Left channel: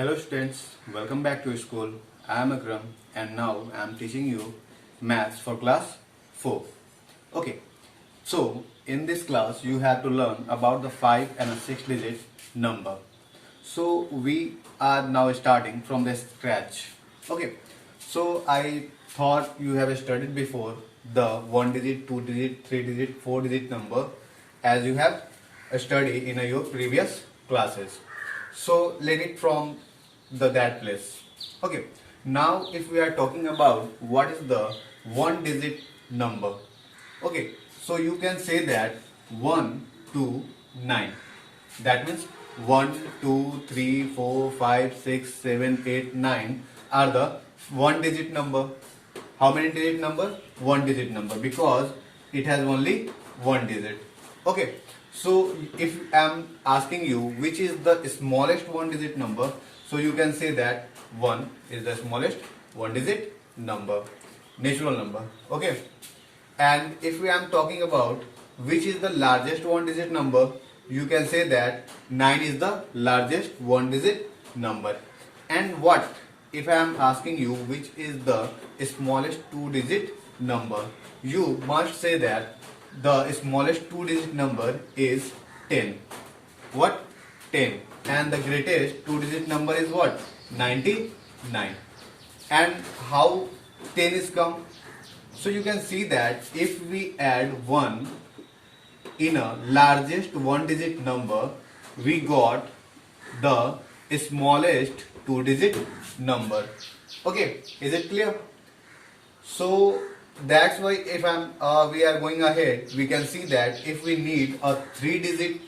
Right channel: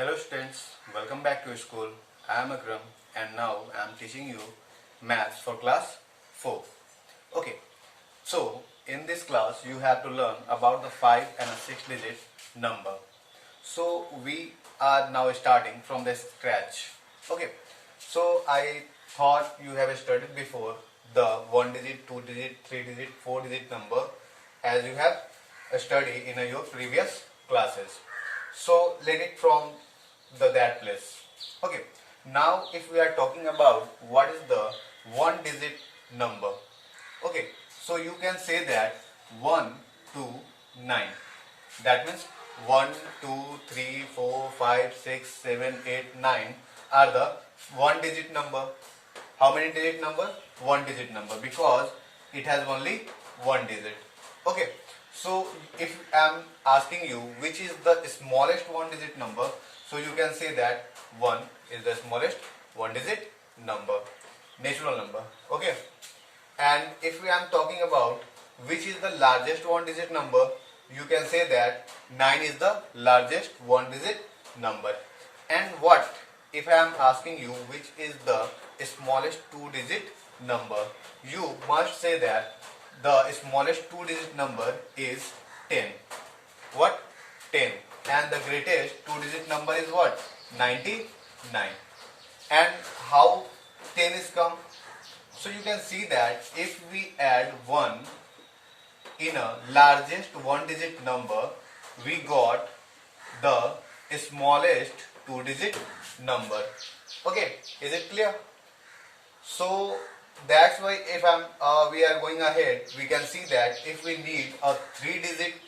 Hello students, welcome back to school. I am Akram and now I am teaching you maths for class 4. Okay, so in this class you have to learn about the 5 and a 6 digit number. So we are now starting from the scratch. Okay, so I thought you have studied before the 1 digit, 2 digit, 3 digit, 4 digit number as you have studied in your previous classes. So let it from that place. Okay, now if we are talking about what is the 1 digit number. Okay, so you can say that 1 2 9. That means 1 2 3 4 5 6 7 8 9 are the 1 digit number. How many digit number? 1 digit number, because it has only 1 digit. Okay, so if I am asking you which is the smallest 1 digit number, so you can say that 1 is the smallest 1 digit number, natural number. Okay, and if we am talking about which is the largest 1 digit number, you can say that 9 is the largest 1 digit number. And what if I am asking you which is the smallest 2 digit number, you must say that the smallest 2 digit number is 10. What? 10. And the greatest 2 digit number is what? 99. And how 10 is come? So you can see that if we add 1 in a largest 1 digit number, we got the smallest 2 digit number. Okay, is it clear? So that's why if we are going ahead, we can see that if we need a 3 digit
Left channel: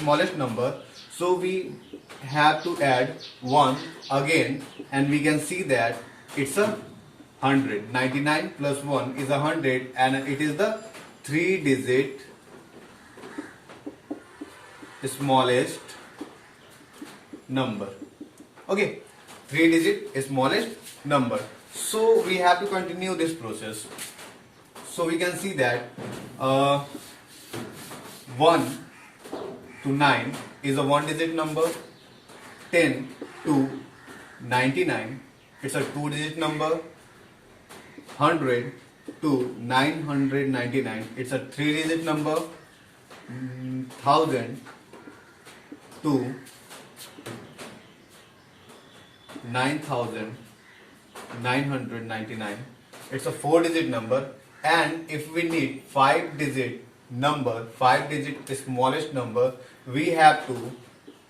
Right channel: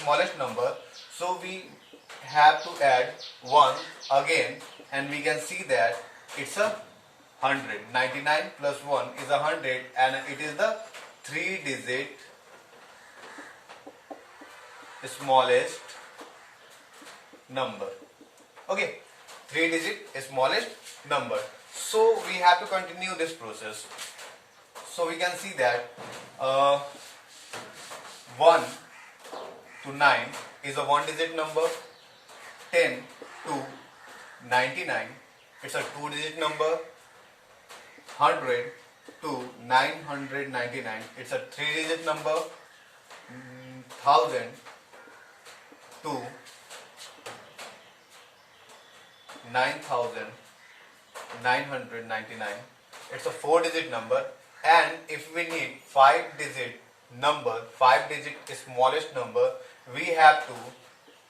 smallest number, so we have to add 1 again, and we can see that it's a 100. 99 plus 1 is 100, and it is the 3 digit smallest number. Okay, 3 digit smallest number. So we have to continue this process. So we can see that 1 to 9 is a 1 digit number. 10 to 99, it's a 2 digit number. 100 to 999, it's a 3 digit number. 1000 to 9999, it's a 4 digit number. And if we need 5 digit number, 5 digit smallest number, we have to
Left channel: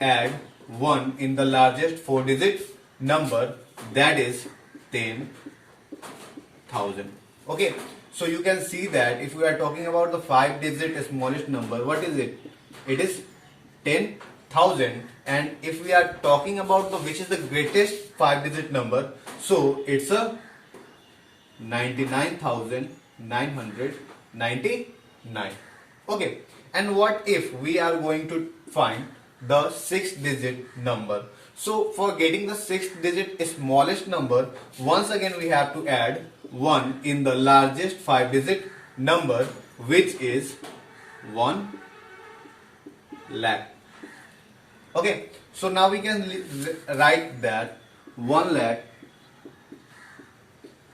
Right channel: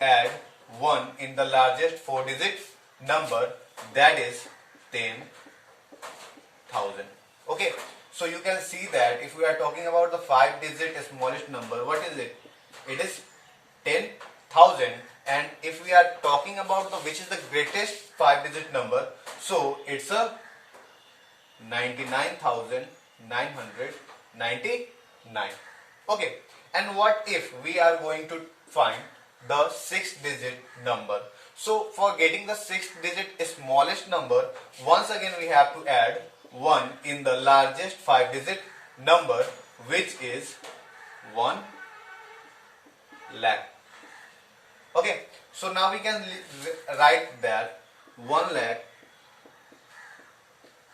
add 1 in the largest 4 digit number, that is 10,000. Okay, so you can see that if we are talking about the 5 digit smallest number, what is it? It is 10,000. And if we are talking about the which is the greatest 5 digit number, so it's a 99,999. Okay, and what if we are going to find the 6 digit number? So for getting the 6 digit smallest number, once again we have to add 1 in the largest 5 digit number, which is 1 lakh. Okay, so now we can write that 1 lakh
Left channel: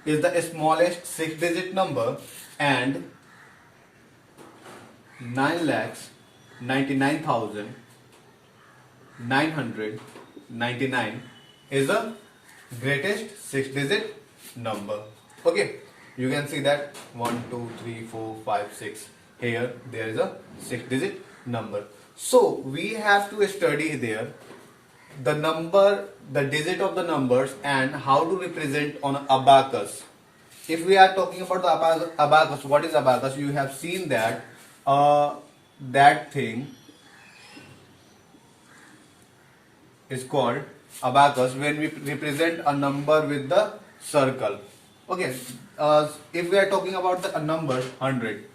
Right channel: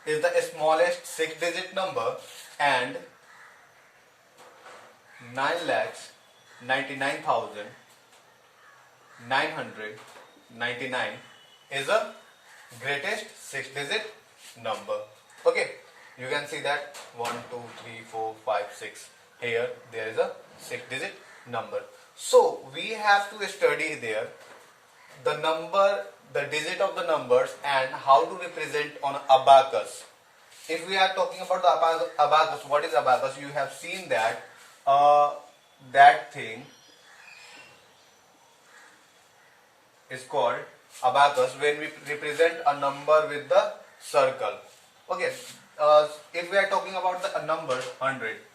is the smallest 6 digit number, and 9,99,999 is the greatest 6 digit number. Okay, you can see that 1 2 3 4 5 6, here there is a 6 digit number. So we have to study there the number, the digit of the numbers, and how to represent on abacus. If we are talking about the abacus, what is abacus? You have seen that that thing is called abacus when we represent a number with the circle. Okay, if we are talking about the number 100,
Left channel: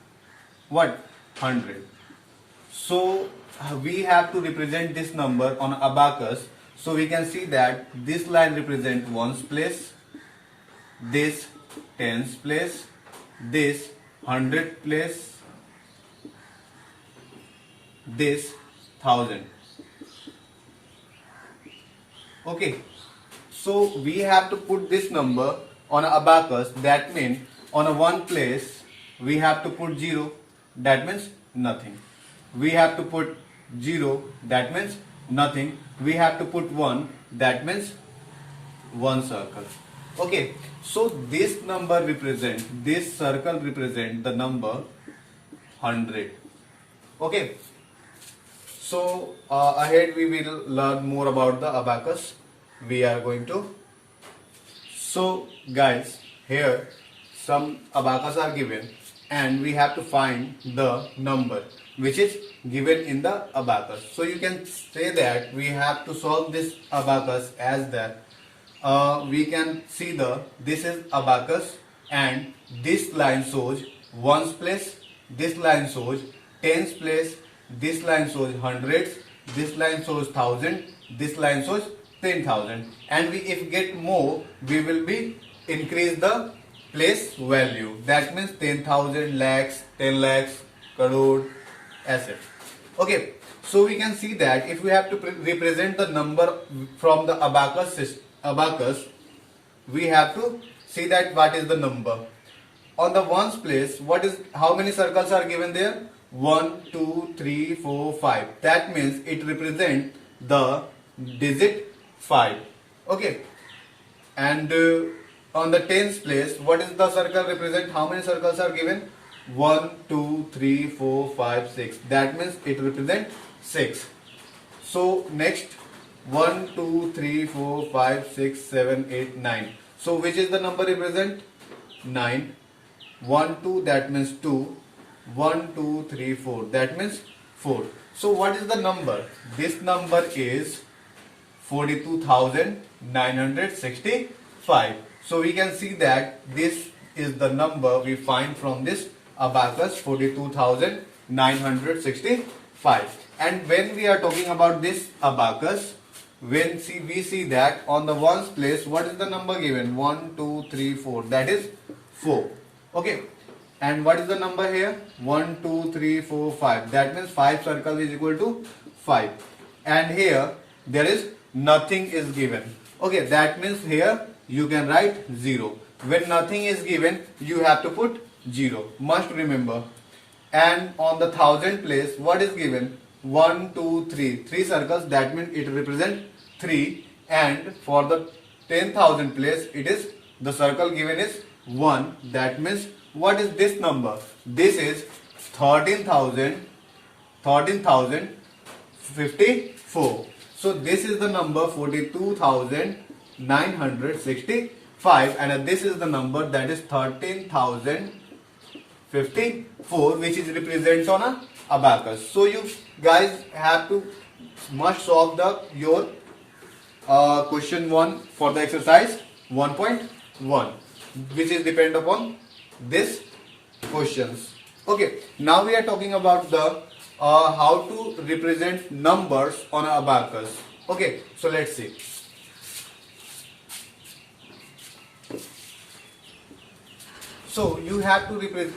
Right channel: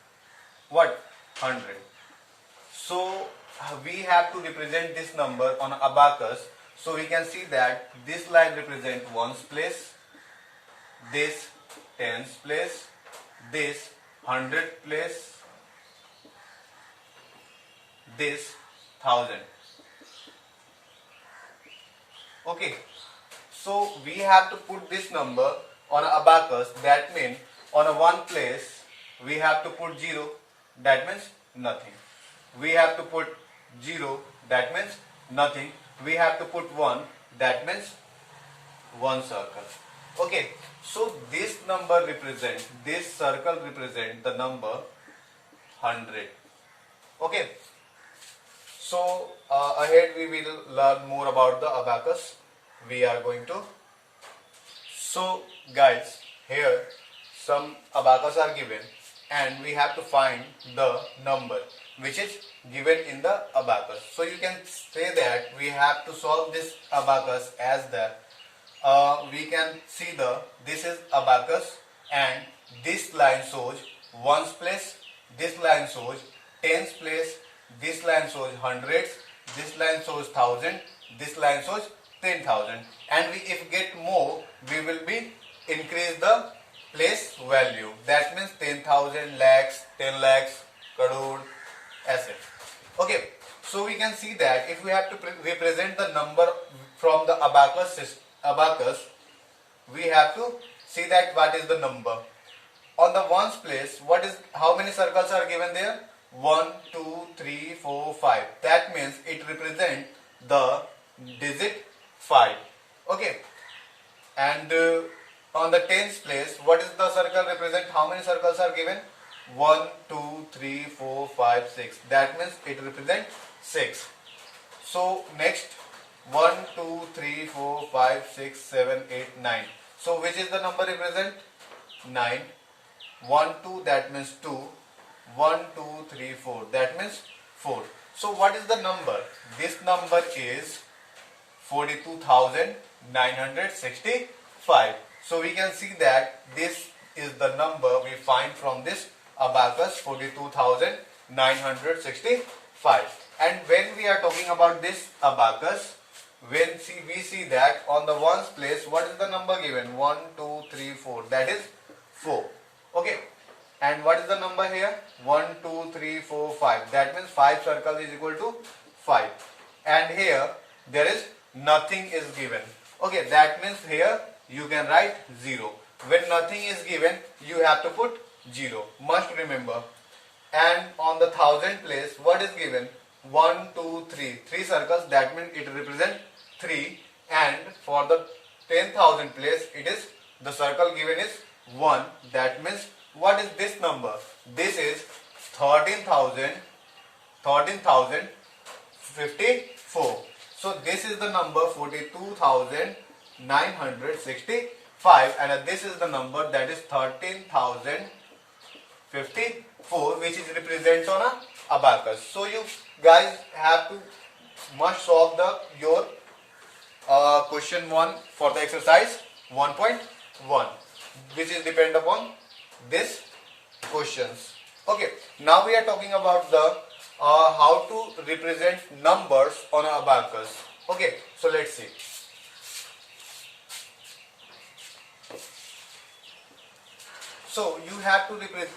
what? 100. So we have to represent this number on abacus. So we can see that this line represents ones place, this tens place, this 100 place, this 1000. Okay, so we have to put this number on a abacus. That means on a one place we have to put 0. That means nothing. We have to put 0. That means nothing. We have to put 1. That means one circle. Okay, so this number represent, this circle represent the number 100. Okay, so ahead we will learn more about the abacus. We are going to. So guys, here some abacus are given and we have to find the number which is given in the abacus. So you can say that we have to solve this abacus as that we can see this is abacus and this line shows ones place, this line shows tens place, this line shows hundreds, this line shows thousand, this line shows 10,000, and we if get more we will be increase the place value. That means 10,000, lakhs, 10 lakhs, crore, etc. Okay, so we can see that if we have to represent the number from the abacus, we have to see that what is the number. On the ones place, what is how many circles are given there? 1, 2, 3, 4, 5. That means it represents the digit 5. Okay, and on the tens place, what is the circle represent? How many circles are given? 1, 2, 3, 4, 5, 6. That means it represents 6. So next 1, 2, 3, 4, 5, 6, 7, 8, 9. So which is the number represent? 9. 1, 2, that means 2. 1, 2, 3, 4. That means 4. So what is the number? This number is 42,965. So we can see that this is the number we find from this abacus, 42,965. And when we are talking about this abacus, when we see that on the ones place, what is the number given? 1, 2, 3, 4. That is 4. Okay. And what is the number here? 1, 2, 3, 4, 5. That means 5 circle is equal to 5. And here there is nothing is given. Okay, that means here you can write 0. When nothing is given, you have to put 0. Must remember. And on the thousand place, what is given? 1, 2, 3. 3 circles, that means it represents 3. And for the 10,000 place, it is the circle given is 1. That means what is this number? This is 13,054. So this is the number 42,965, and this is the number that is 13,054, which is represents on a abacus. So you guys have to must solve your question 1 for the exercise 1.1, which is depend upon this questions. Okay, now we are talking about the how to represent numbers on an abacus. Okay, so let's see. So you have to represent.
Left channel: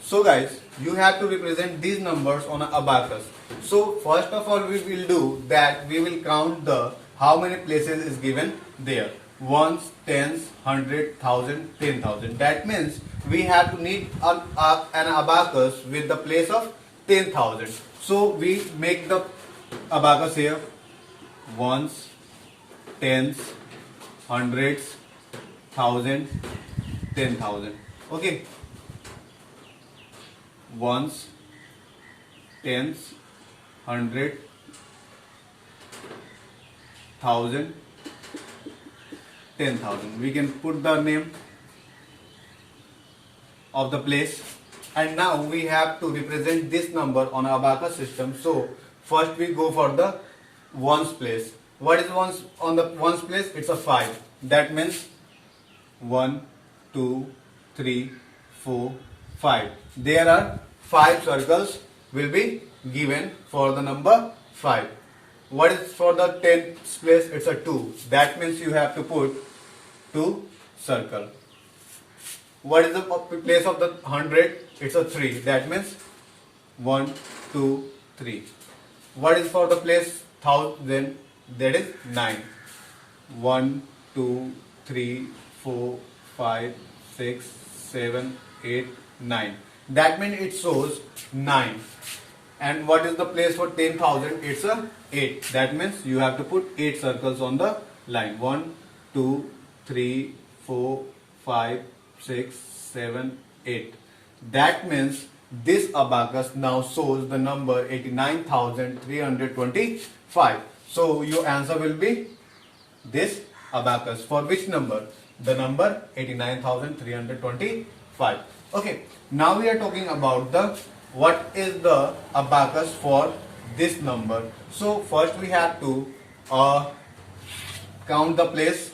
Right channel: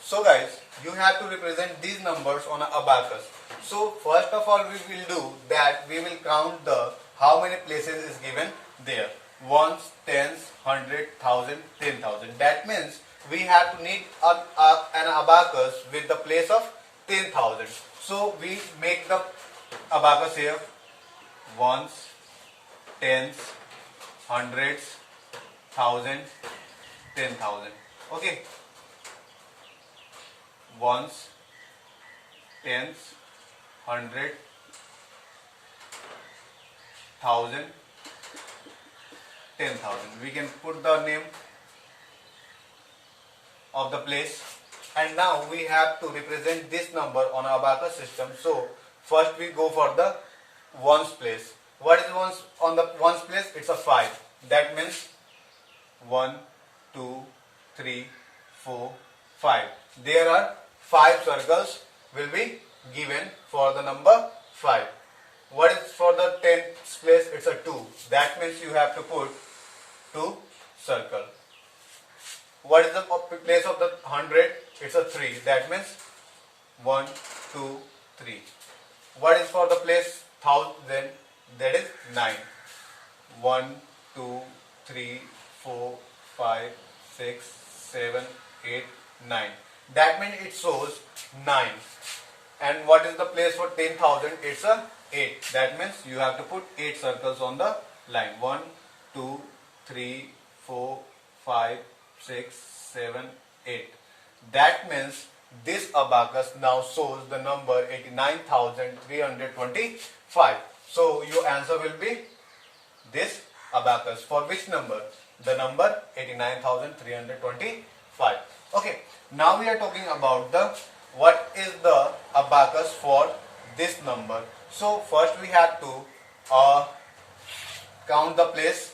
So guys, you have to represent these numbers on an abacus. So first of all, we will do that. We will count the how many places is given there. Ones, tens, 100, 1,000, 10,000. That means we have to need an abacus with the place of 10,000. So we make the abacus here. Ones, tens, hundreds, 1,000, 10,000. Okay. Ones, tens, 100, 1,000, 10,000. We can put the name of the place, and now we have to represent this number on our abacus system. So first we go for the ones place. What is ones on the ones place? It's a 5. That means 1, 2, 3, 4, 5. There are 5 circles will be given for the number 5. What is for the 10th place? It's a 2. That means you have to put 2 circle. What is the place of the 100? It's a 3. That means 1, 2, 3. What is for the place 1,000? That is 9. 1, 2, 3, 4, 5, 6, 7, 8, 9. That means it shows 9. And what is the place for 10,000? It's a 8. That means you have to put 8 circles on the line. 1, 2, 3, 4, 5, 6, 7, 8. That means this abacus now shows the number 89,325. So your answer will be this abacus. For which number? The number 89,325. Okay. Now we are talking about the what is the abacus for this number. So first we have to count the place.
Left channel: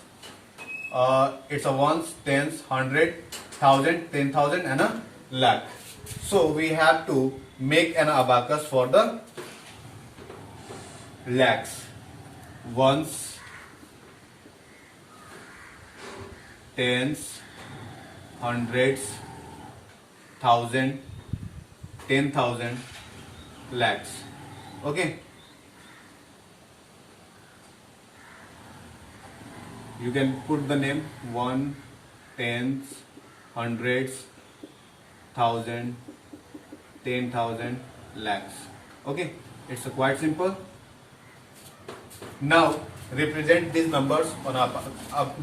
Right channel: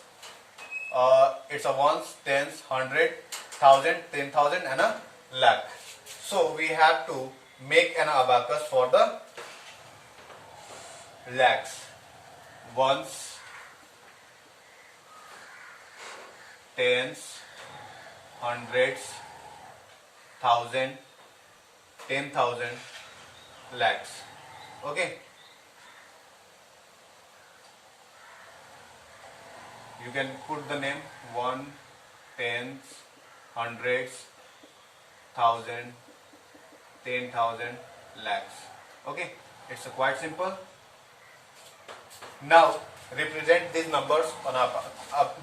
It's a ones, tens, hundred, thousand, 10,000 and a lakh. So we have to make an abacus for the lakhs. Ones, tens, hundreds, thousand, 10,000, lakhs. Okay. You can put the name 1, tens, hundreds, thousand, 10,000, lakhs. Okay. It's quite simple. Now represent these numbers on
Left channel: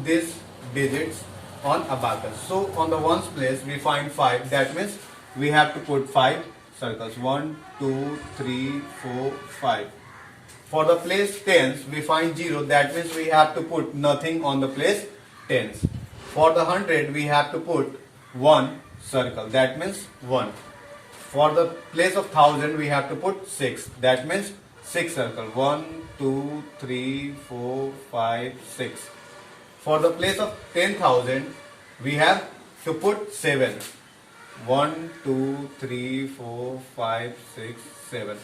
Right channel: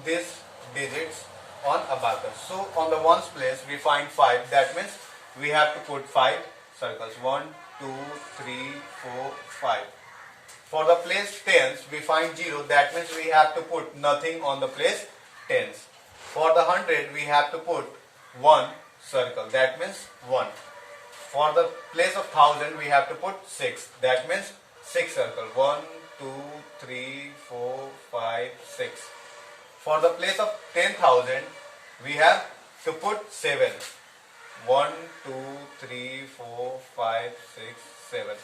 these digits on abacus. So on the ones place we find 5. That means we have to put 5 circles. 1, 2, 3, 4, 5. For the place tens we find 0. That means we have to put nothing on the place tens. For the 100 we have to put 1 circle. That means 1. For the place of 1000 we have to put 6. That means 6 circle. 1, 2, 3, 4, 5, 6. For the place of 10,000 we have to put 7. 1, 2, 3, 4, 5, 6, 7.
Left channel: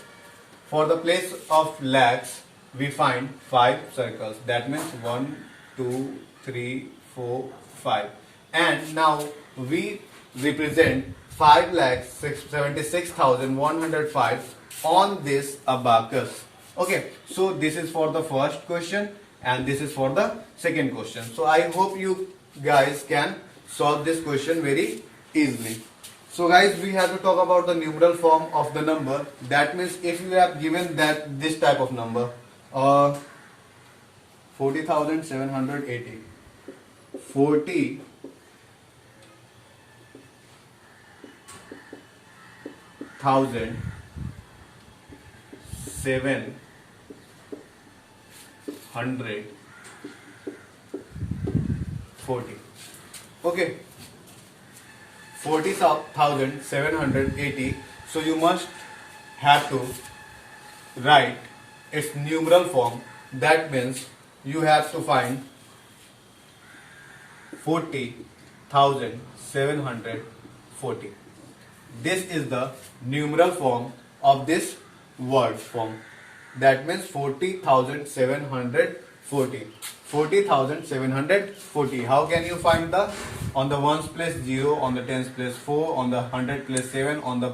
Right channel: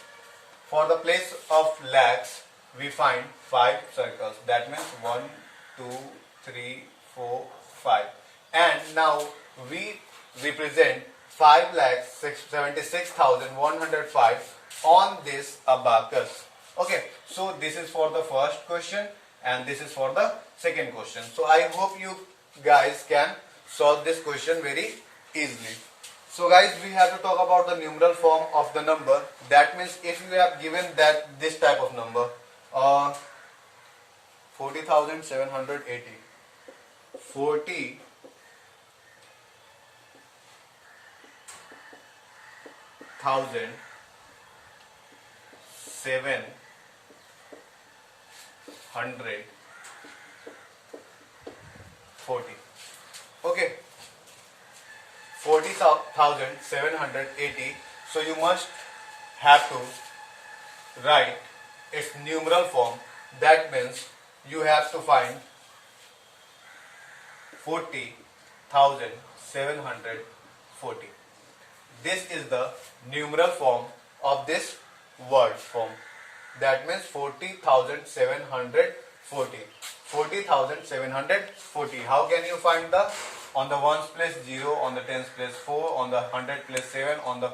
For the place of lakhs we find 5 circles. That means 1, 2, 3, 4, 5. And now we represent 5,76,105 on this abacus. Okay, so this is for the first question and this is for the second question. So I hope you guys can solve this question very easily. So guys, we have to talk about the numeral form of the number. That means if you have given that this type of number 40,780, 40,740. Okay, 40,780. So you must have to write its numeral form. That means you have to find 40,740. This is the numeral form of this word form. That means 40,740. 40,740. How can you find the on the ones place 0, on the tens place 4, on the 100 place 7, on the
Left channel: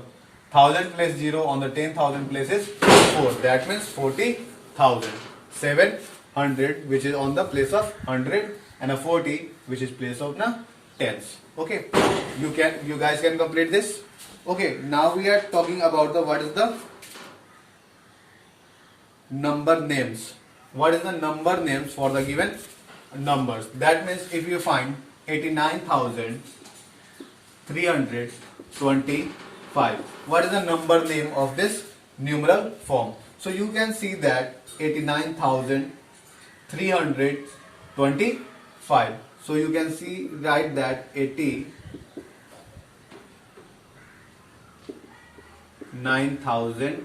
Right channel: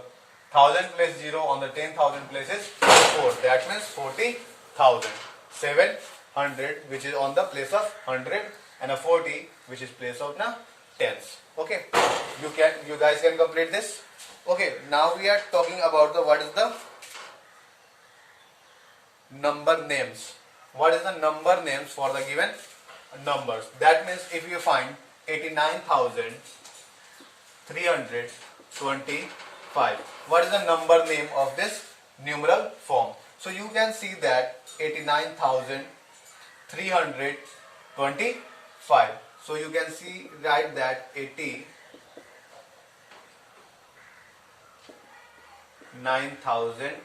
1000 place 0, on the 10,000 places 4. That means 40,700, which is on the place of 100, and a 40 which is place of na tens. Okay, you guys can complete this. Okay, now we are talking about the what is the number names. What is the number names for the given numbers? That means if you find 89,325, what is the number name of this numeral form? So you can see that 89,325. So you can see write that 89,325.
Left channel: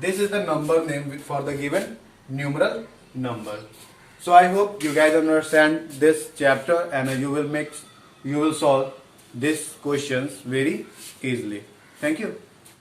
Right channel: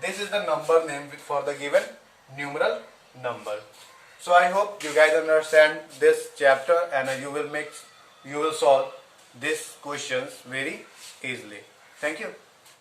This is the number name for the given numeral number. So I hope you guys understand this chapter and you will solve these questions very easily. Thank you.